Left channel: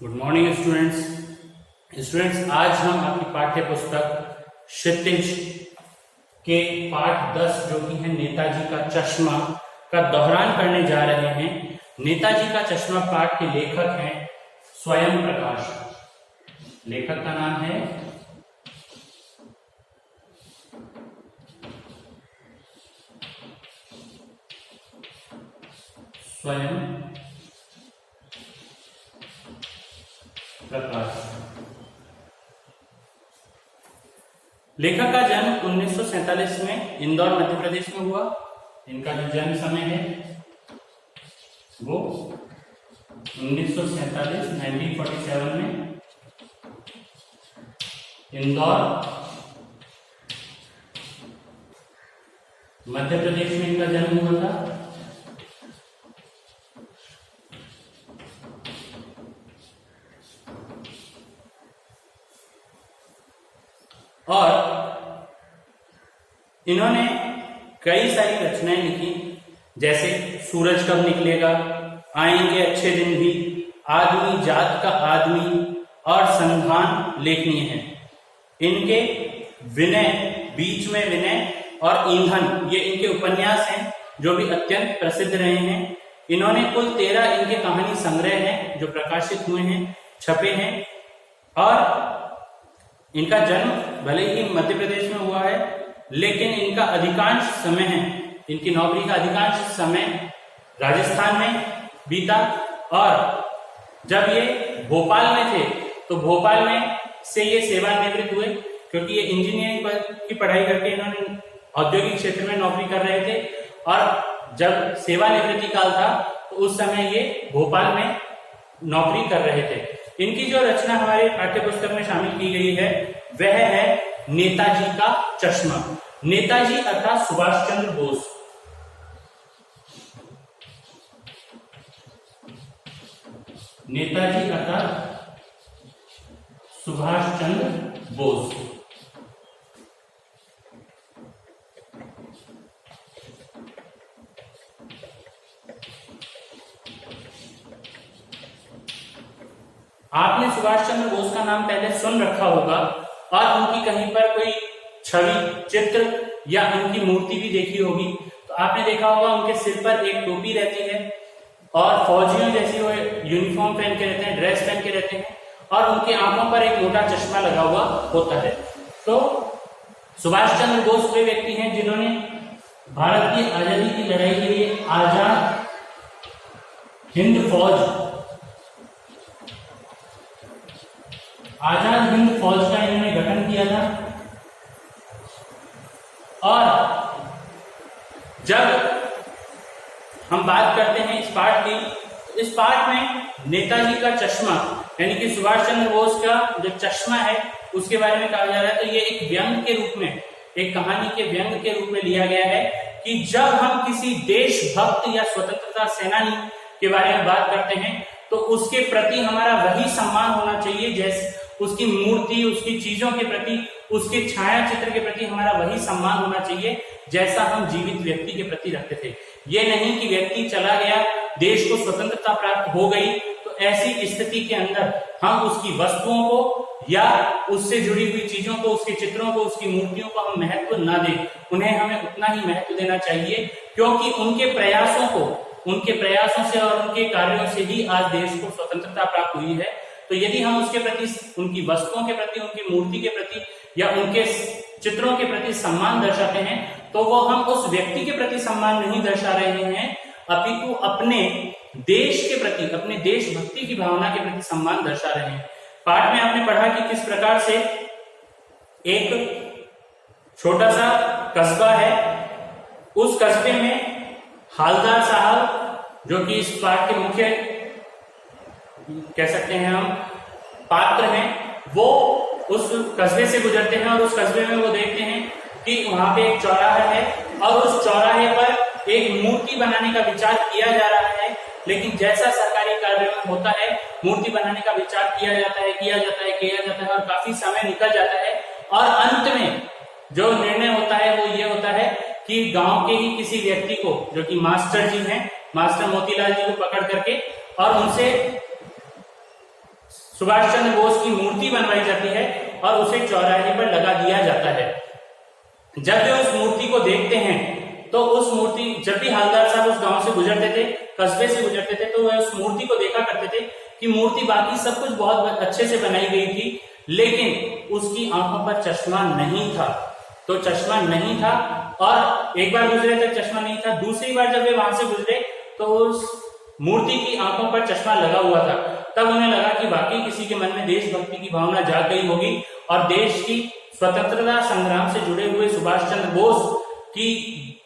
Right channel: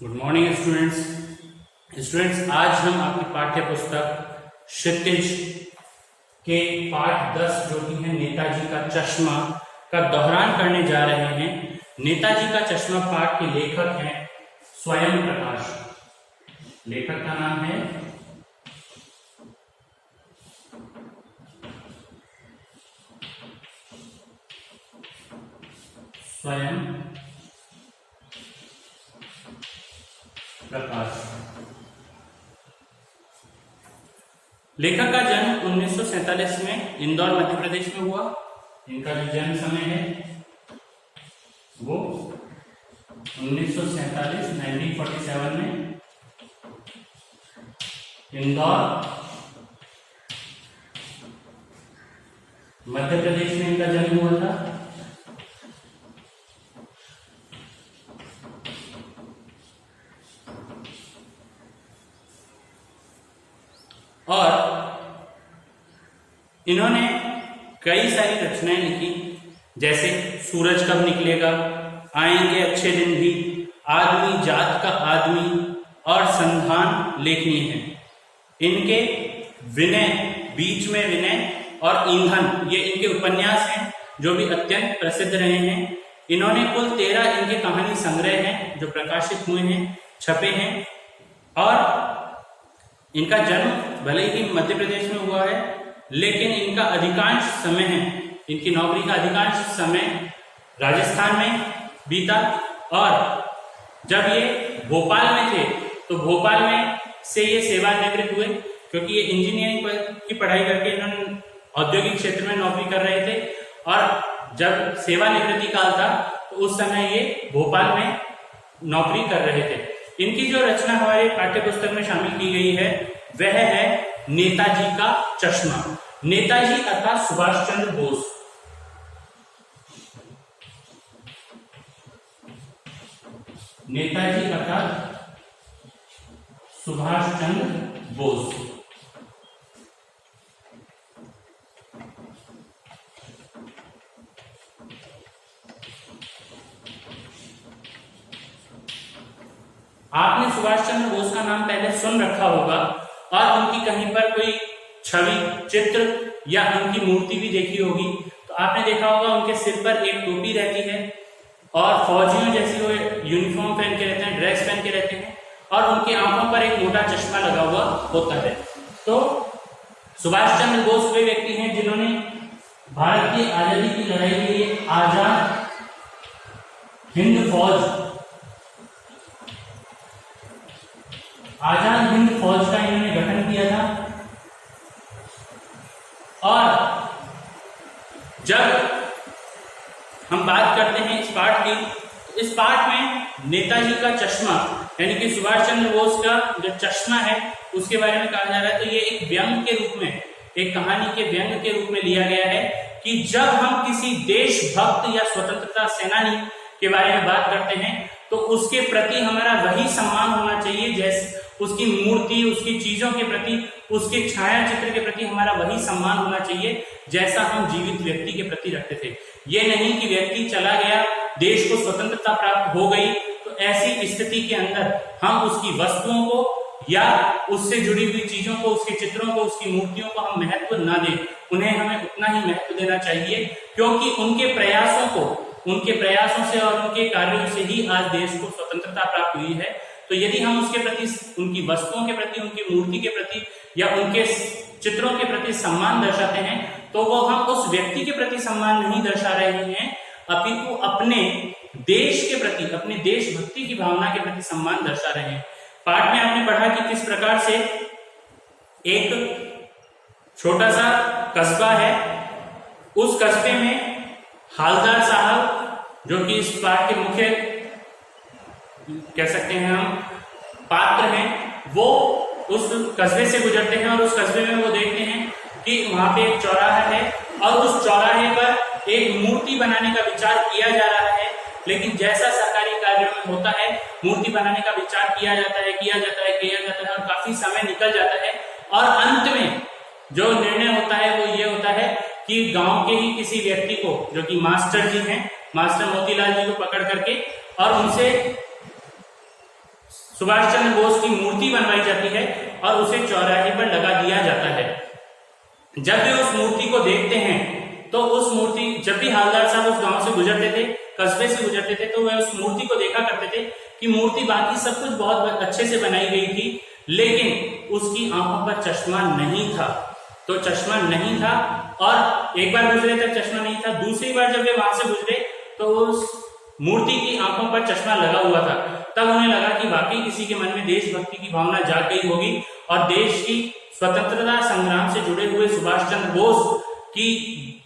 Good morning students. आज हम अपनी पाठ्य पुस्तक क्षितिज के पाठ 10 जो कि है नेताजी का चश्मा का दोहरान करने जा रहे हैं। नेताजी का चश्मा पाठ के लेखक हैं स्वयं प्रकाश। लेखक का नाम है स्वयं प्रकाश। लेखक का जन्म 1947 में इंदौर मध्य प्रदेश में हुआ। इनका जो जन्म समय है वो 1947 में इंदौर मध्य प्रदेश में इनका जन्म हुआ था। और इन्होंने कई सारी रचनाएं लिखी, जैसे सूरज कब निकलेगा, आएंगे अच्छे दिन भी, आदमी जात का आदमी और संधान लेखनीय है। इनके विनय, बीच में विनय और ईंधन, ये इनके उपन्यास हैं जो भी अत्यंत प्रसिद्ध रहे हैं। इन्होंने कुल 13 इनके कहानी संग्रह हैं जो प्रकाशित हुए हैं, छपे हैं। और इनका जन्म भले ही मध्य प्रदेश में हुआ है, लेकिन इनका अधिकांश समय है, इनकी नौकरी का अधिकांश समय राजस्थान में बीता। और जब ये भोपाल में थे तो भोपाल में से ये सेवानिवृत्त हुए, क्योंकि ये इंजीनियरिंग की पढ़ाई करके इन्होंने औद्योगिक क्षेत्र में नौकरी कर रहे थे। और जब सेवानिवृत्ति काल था तो उस समय ये भोपाल में नौकरी कर रहे थे। इनकी जो रचना हमारे पाठ्य पुस्तक में शामिल की गई है वह है नेताजी का चश्मा। नेताजी अर्थात सुभाष चंद्र बोस। नेताजी अर्थात सुभाष चंद्र बोस। आपने सुभाष चंद्र बोस का नाम पहले सुन रखा होगा और उनकी कहीं पर कोई छवि, चित्र या उनकी मूर्ति भी देखी होगी। तो आपने देखा होगा उनके सिर पर एक टोपी रहती है और फौजियों जैसी वो यूनिफॉर्म पहन के रहते हैं, ड्रेस पहन के रहते हैं, और उनके आंखों पर एक मोटा चश्मा लगा हुआ होता है। तो सुभाष चंद्र बोस वे व्यक्ति हैं जिन्होंने भारत की आजादी की लड़ाई के लिए आजाद हिंद फौज का इन्होंने गठन किया था। और जब हम बात करते हैं इस पाठ की, तो इस पाठ में नेताजी का चश्मा यानी कि सुभाष चंद्र बोस का जो चश्मा है उसके बारे में कहा जा रहा है। तो ये एक व्यंग के रूप में, एक कहानी के व्यंग के रूप में लिया गया है कि जब हम किसी देशभक्त या स्वतंत्रता सेनानी के बारे में बात करते हैं तो उसके प्रति हमारा वही सम्मान होना चाहिए, जैसे उसकी मूर्ति, उसकी चीजों के प्रति, उसके छाया चित्र के प्रति हमारा वही सम्मान होना चाहिए जैसा हम जीवित व्यक्ति के प्रति रखते थे। ये नहीं कि व्यक्ति चला गया, देश को स्वतंत्रता प्राप्त हो गई, तो ऐसी स्थिति के अंदर हम उसकी वस्तुओं को या उससे जुड़ी हुई चीजों को, उसके चित्रों को, उसकी मूर्तियों को हम महत्व ना दें। उन्हें हमें उतना ही महत्व देना चाहिए, क्योंकि उनके प्रयासों से और उनके कार्यों से ही आज देश को स्वतंत्रता प्राप्त हुई है। तो यदि हम उसके प्रति, उनकी वस्तुओं के प्रति, उनकी मूर्ति के प्रति या उनके चित्रों के प्रति सम्मान दर्शाते हैं, तो वो हम उस व्यक्ति के प्रति सम्मान नहीं दर्शा रहे हैं, अपितु अपने देश के प्रति, अपने देशभक्ति की भावना के प्रति सम्मान दर्शा रहे हैं। पाठ में आपने पढ़ा कि किस प्रकार से एक छोटा सा कस्बा है, उस कस्बे में हालदार साहब, जो कि इस पाठ के मुख्य कह सकते हैं हम पात्र हैं, वो उस कस्बे से गुजरते हैं और उस कस्बे में वो देखते हैं कि वहां पे एक चौराहा है और उस चौराहे पर एक मूर्ति बनाने का विचार किया जा रहा है। लेकिन जैसा सरकारी कार्यों में होता है, मूर्ति बनाने का विचार किया जाता है और काफी समय निकल जाता है और अंत में जो निर्णय होता है वो ये होता है कि गांव के ही किसी व्यक्ति को, जो कि मास्टर जी हैं, मास्टर मोतीलाल जी को पकड़ करके और उनसे सुभाष चंद्र बोस की मूर्ति बनवाई जाती है और उसे चौराहे पर लगा दिया जाता है। जब वे उस मूर्ति को देखते हैं तो उस मूर्ति, जब भी हवलदार साहब उस गांव से गुजरते थे, कस्बे से गुजरते थे, तो वे उस मूर्ति को देखा करते थे कि मूर्ति बाकी सब कुछ बहुत अच्छे से बनाई गई थी, लेकिन उसकी आंखों पर चश्मा नहीं था। तो चश्मा नहीं था और एक बार गुजरे तब चश्मा नहीं था, दूसरी बार जब वे वहां से गुजरे तो उस मूर्ति की आंखों पर चश्मा लगा हुआ था। तब उन्हें लगा कि वाकई किसी के मन में देशभक्ति की भावना जाग गई होगी और देश की स्वतंत्रता संग्राम से जुड़े हुए सुभाष चंद्र बोस की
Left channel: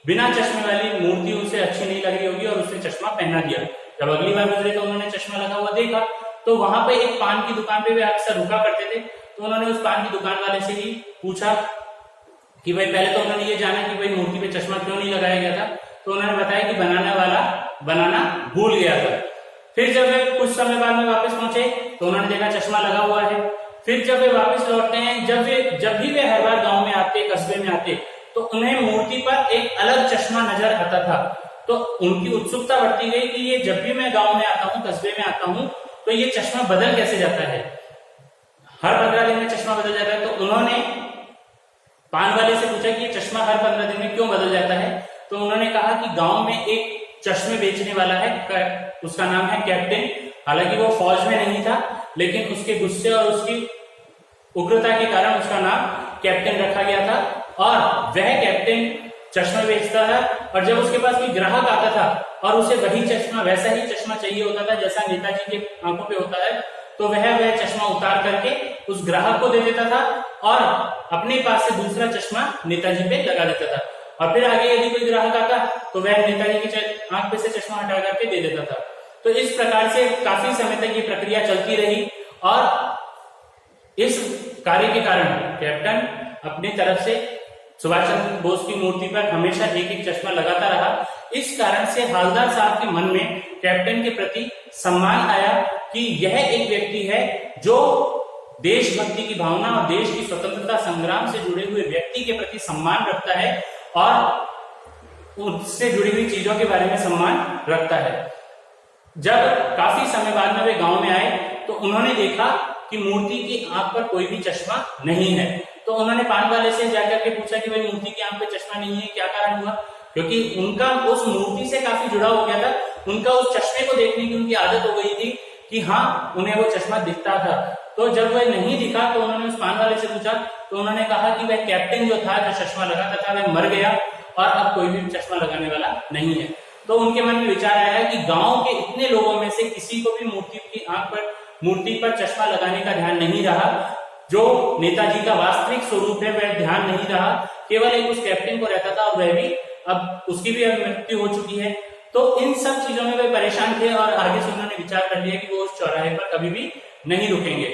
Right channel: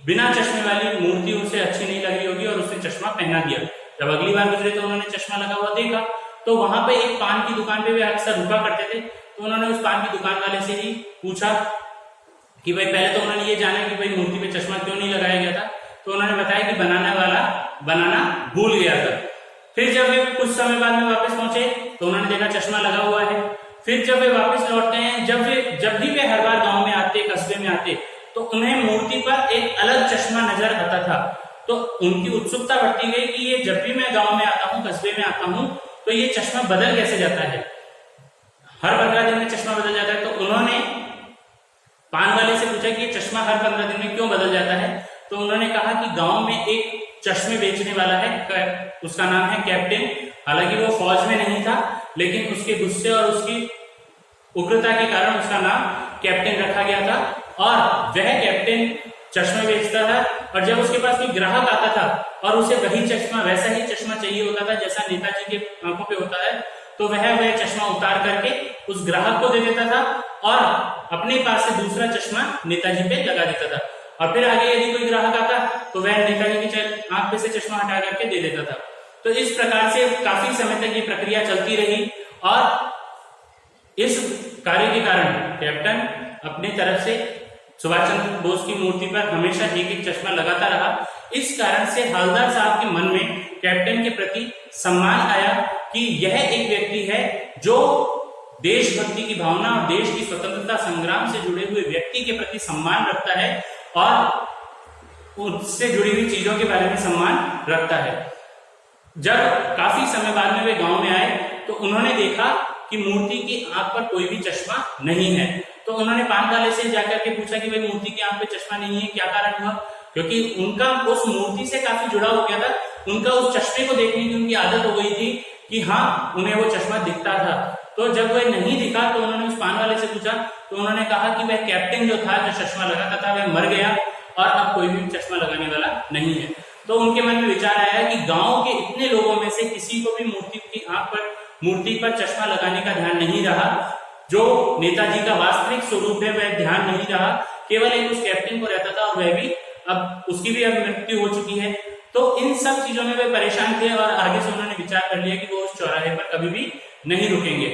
बिना चश्मे वाली मूर्ति उसे अच्छी नहीं लगी होगी और उसने चश्मा पहना दिया। जब अगली बार गुजरे तो उन्होंने चश्मा लगा हुआ देखा, तो वहां पे एक पान की दुकान पे वे अक्सर रुका करते थे। तो उन्होंने उस पान की दुकान वाले से ही पूछा कि भाई, पहले तो उन्होंने ये जाना कि भाई मूर्ति पे चश्मा क्यों नहीं लगाया गया था, तो उन्होंने बताया कि बनाने वाला बनाना भूल गया था। फिर जब वे कुछ समय बाद में वापस पहुंचे तो उन्होंने देखा चश्मा लगा हुआ है। फिर जब वे वापस लौटते हैं, जब भी वे हर बार गांव में आते, कस्बे में आते, तो उन्हें मूर्ति पर एक अलग चश्मा नजर आता था। तो उनकी उत्सुकता बढ़ती गई कि ये जब भी मैं गांव में आता हूँ, कस्बे में आता हूँ, तो ये चश्मा बदल कैसे जाता है, हर 15 दिन में चश्मा बदल जाता है। तो उन्होंने पान वाले से पूछा कि ये चश्मा हर 15 दिन में क्यों बदल जाता है। तो उन्होंने कहा कि गांव में एक चश्मे बेचने वाला है, उसका नाम है कैप्टन। हालांकि वो फौज में नहीं था, लेकिन उसके गुस्से और उसकी उग्रता के कारण उसका नाम कैप्टन रखा गया था और वह कैप्टन चश्मे बेचता था। और जब उसके पास कोई ग्राहक आता था और उसे वही चश्मा, वैसा ही चश्मा चाहिए होता था जैसा नेताजी के आंखों पे होता है, तो वह चश्मा उतार करके उस ग्राहक को दे देता था और अपने पास से दूसरा चश्मा नेताजी पे लगा देता था। और फिर आगे यदि कोई ग्राहक आता तो वह नेताजी की आंख पे से चश्मा हटा करके दे देता था। तो इस प्रकार से काफी समय तक ये प्रक्रिया चलती रही और इस कार्य के कारण कैप्टन अपनी तरफ से सुभाष चंद्र बोस की मूर्ति पर हमेशा एक एक चश्मा लगाता रहा। इस कारण से हवलदार साहब के मन में कैप्टन के प्रति सम्मान आया कि यह एक व्यक्ति है जो देशभक्ति की भावना और देश की स्वतंत्रता संग्राम से जुड़े हुए व्यक्ति के प्रति सम्मान रखता है और उससे जुड़ी हुई चीजों के बारे में सम्मान रखता है। जब काफी समय बाद में वे गांव में आए तो उन्होंने देखा कि मूर्ति की आंख पर कोई भी चश्मा नहीं है। तो उन्होंने पान वाले से जाकर के पूछा कि भाई मूर्ति की आंख पे चश्मा नहीं है, क्या कारण हुआ, क्योंकि उनका उस मूर्ति से काफी जुड़ाव हो गया था। उनका उस चश्मे को देखने की उनकी आदत हो गई थी कि हाँ, उन्हें वो चश्मा दिखता था। तो जब वह नहीं दिखा तो उन्होंने उस पान वाले से पूछा, तो उन्होंने कहा कि वह कैप्टन जो था, जो चश्मा लगाता था, वह मर गया और अब कोई भी चश्मा लगाने वाला नहीं है। तो उनके मन में विचार आया कि गांव के इतने लोगों में से किसी को भी मूर्ति पर चश्मा लगाने का ध्यान नहीं रहा। जो नेताजी का वास्तविक स्वरूप है वह ध्यान नहीं रहा, केवल एक उस कैप्टन को रहता था और वह भी अब उसकी भी अब मृत्यु हो चुकी है। तो इन सब चीजों में वे परेशान थे और आगे से उन्होंने विचार कर लिया कि वो उस चौराहे पर कभी भी नहीं रुकेंगे।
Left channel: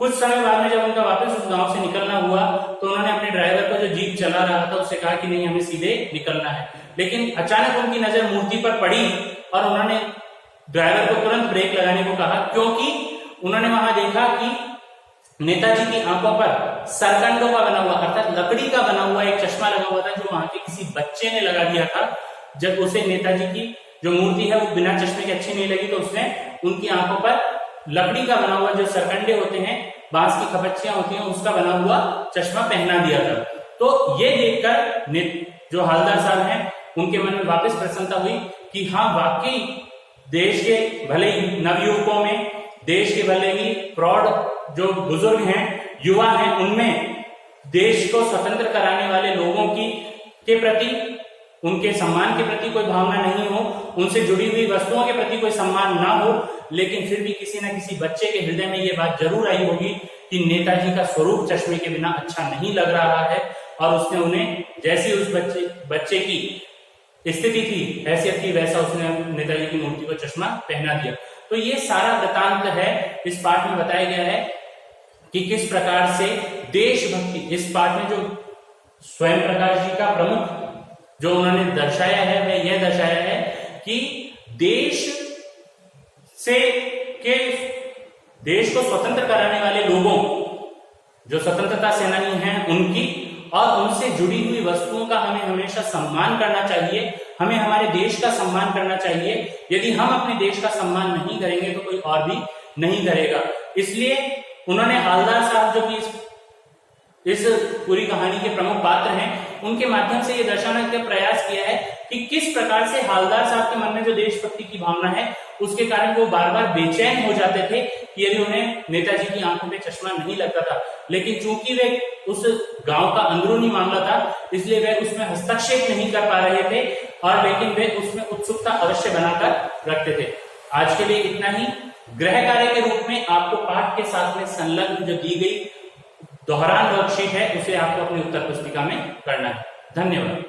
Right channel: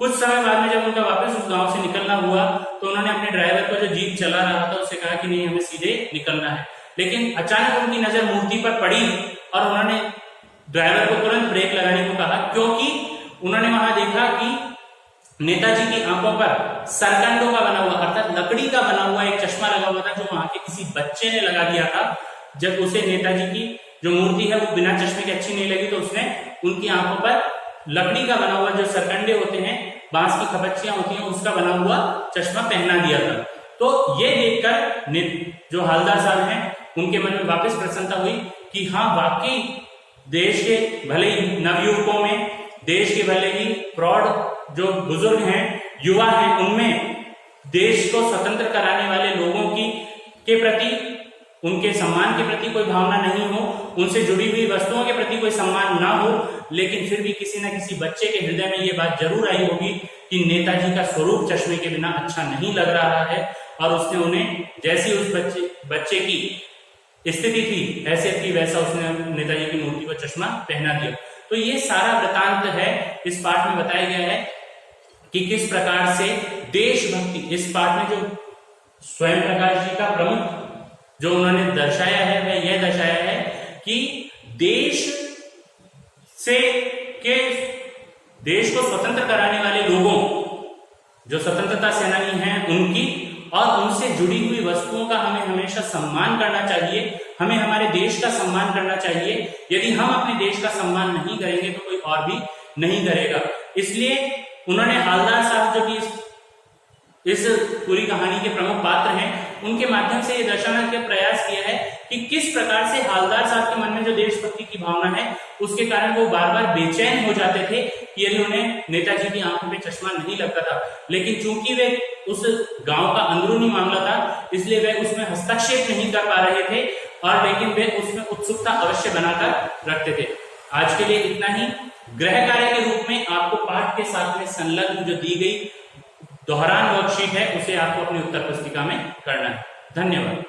कुछ समय बाद में जब उनका वापस उस गांव से निकलना हुआ तो उन्होंने अपने ड्राइवर को, जो जीप चला रहा था, उससे कहा कि नहीं, हमें सीधे निकलना है। लेकिन अचानक उनकी नजर मूर्ति पर पड़ी और उन्होंने ड्राइवर को तुरंत ब्रेक लगाने को कहा, क्योंकि उन्होंने वहां देखा कि नेताजी की आंखों पर सरकंडों का बना हुआ, अर्थात लकड़ी का बना हुआ एक चश्मा लगा हुआ था, जो वहां के किसी बच्चे ने लगा दिया था। जब उसे नेताजी की जो मूर्ति है वो बिना चश्मे के अच्छी नहीं लगी तो उसने उनकी आंखों पर लकड़ी का बना हुआ, जो सरकंडे होते हैं, बांस की खपच्चियां होती हैं, उसका बना हुआ चश्मा पहना दिया था। तो ये देखकर जो हवलदार साहब हैं उनके मन में वापस प्रसन्नता हुई कि हाँ, वाकई देश के भले ही नवयुवकों में, देश के भले ही प्रौढ़ जो बुजुर्ग हैं, युवा हैं, उनमें देश को स्वतंत्र कराने वाले लोगों के प्रति, उनके सम्मान के प्रति कोई भावना नहीं हो, उनसे जुड़ी हुई वस्तुओं के प्रति कोई सम्मान ना हो, लेकिन फिर भी किसी न किसी बच्चे के हृदय में ये बात जरूर आई होगी कि नेताजी का स्वरूप चश्मे के बिना अच्छा नहीं लग रहा है और उसने उन्हें, जैसी उस बच्चे की स्थिति थी, हैसियत थी, वैसा उसने नेताजी की मूर्ति पर चश्मा पहना दिया। तो ये सारा वृतांत है, इस पाठ में बताया गया है कि किस प्रकार से देशभक्ति, इस पाठ में जो स्वयं प्रकाश जी का प्रमुख जो उन्होंने दर्शाया है वह यह दर्शाया है कि देश को स्वतंत्र कराने वाले लोगों, जो स्वतंत्रता सेनानी हैं, उनकी और उनसे जुड़ी हुई वस्तुओं का हमें हमेशा सम्मान करना चाहिए। हमें हमारे देश का सम्मान करना चाहिए। यदि हम अपने देश का सम्मान नहीं करेंगे तो कोई और भी नहीं करेगा। इसलिए उन्होंने हालदार साहब जो कि इस पूरी कहानी के प्रमुख पात्र हैं, उनके माध्यम से ये दर्शाने का प्रयास किया है कि किस प्रकार से हालदार साहब के मन में जो देशभक्ति की भावना है उसके कारण वो बार बार बेचैन हो जाते थे कि यदि उन्हें नेताजी की आंखों पे चश्मा नहीं लगता था। लेकिन चूंकि वे उस गांव का अंदरूनी मामला था, इसलिए वे उसमें हस्तक्षेप नहीं कर पा रहे थे, और लेकिन वे उसमें उत्सुकता अवश्य बनाकर रखते थे। आज के लिए इतना ही। गृह कार्य के रूप में आपको पाठ के साथ में संलग्न जो दी गई दोहरान वर्कशीट है, उसे आपको अपनी उत्तर पुस्तिका में करना है। धन्यवाद।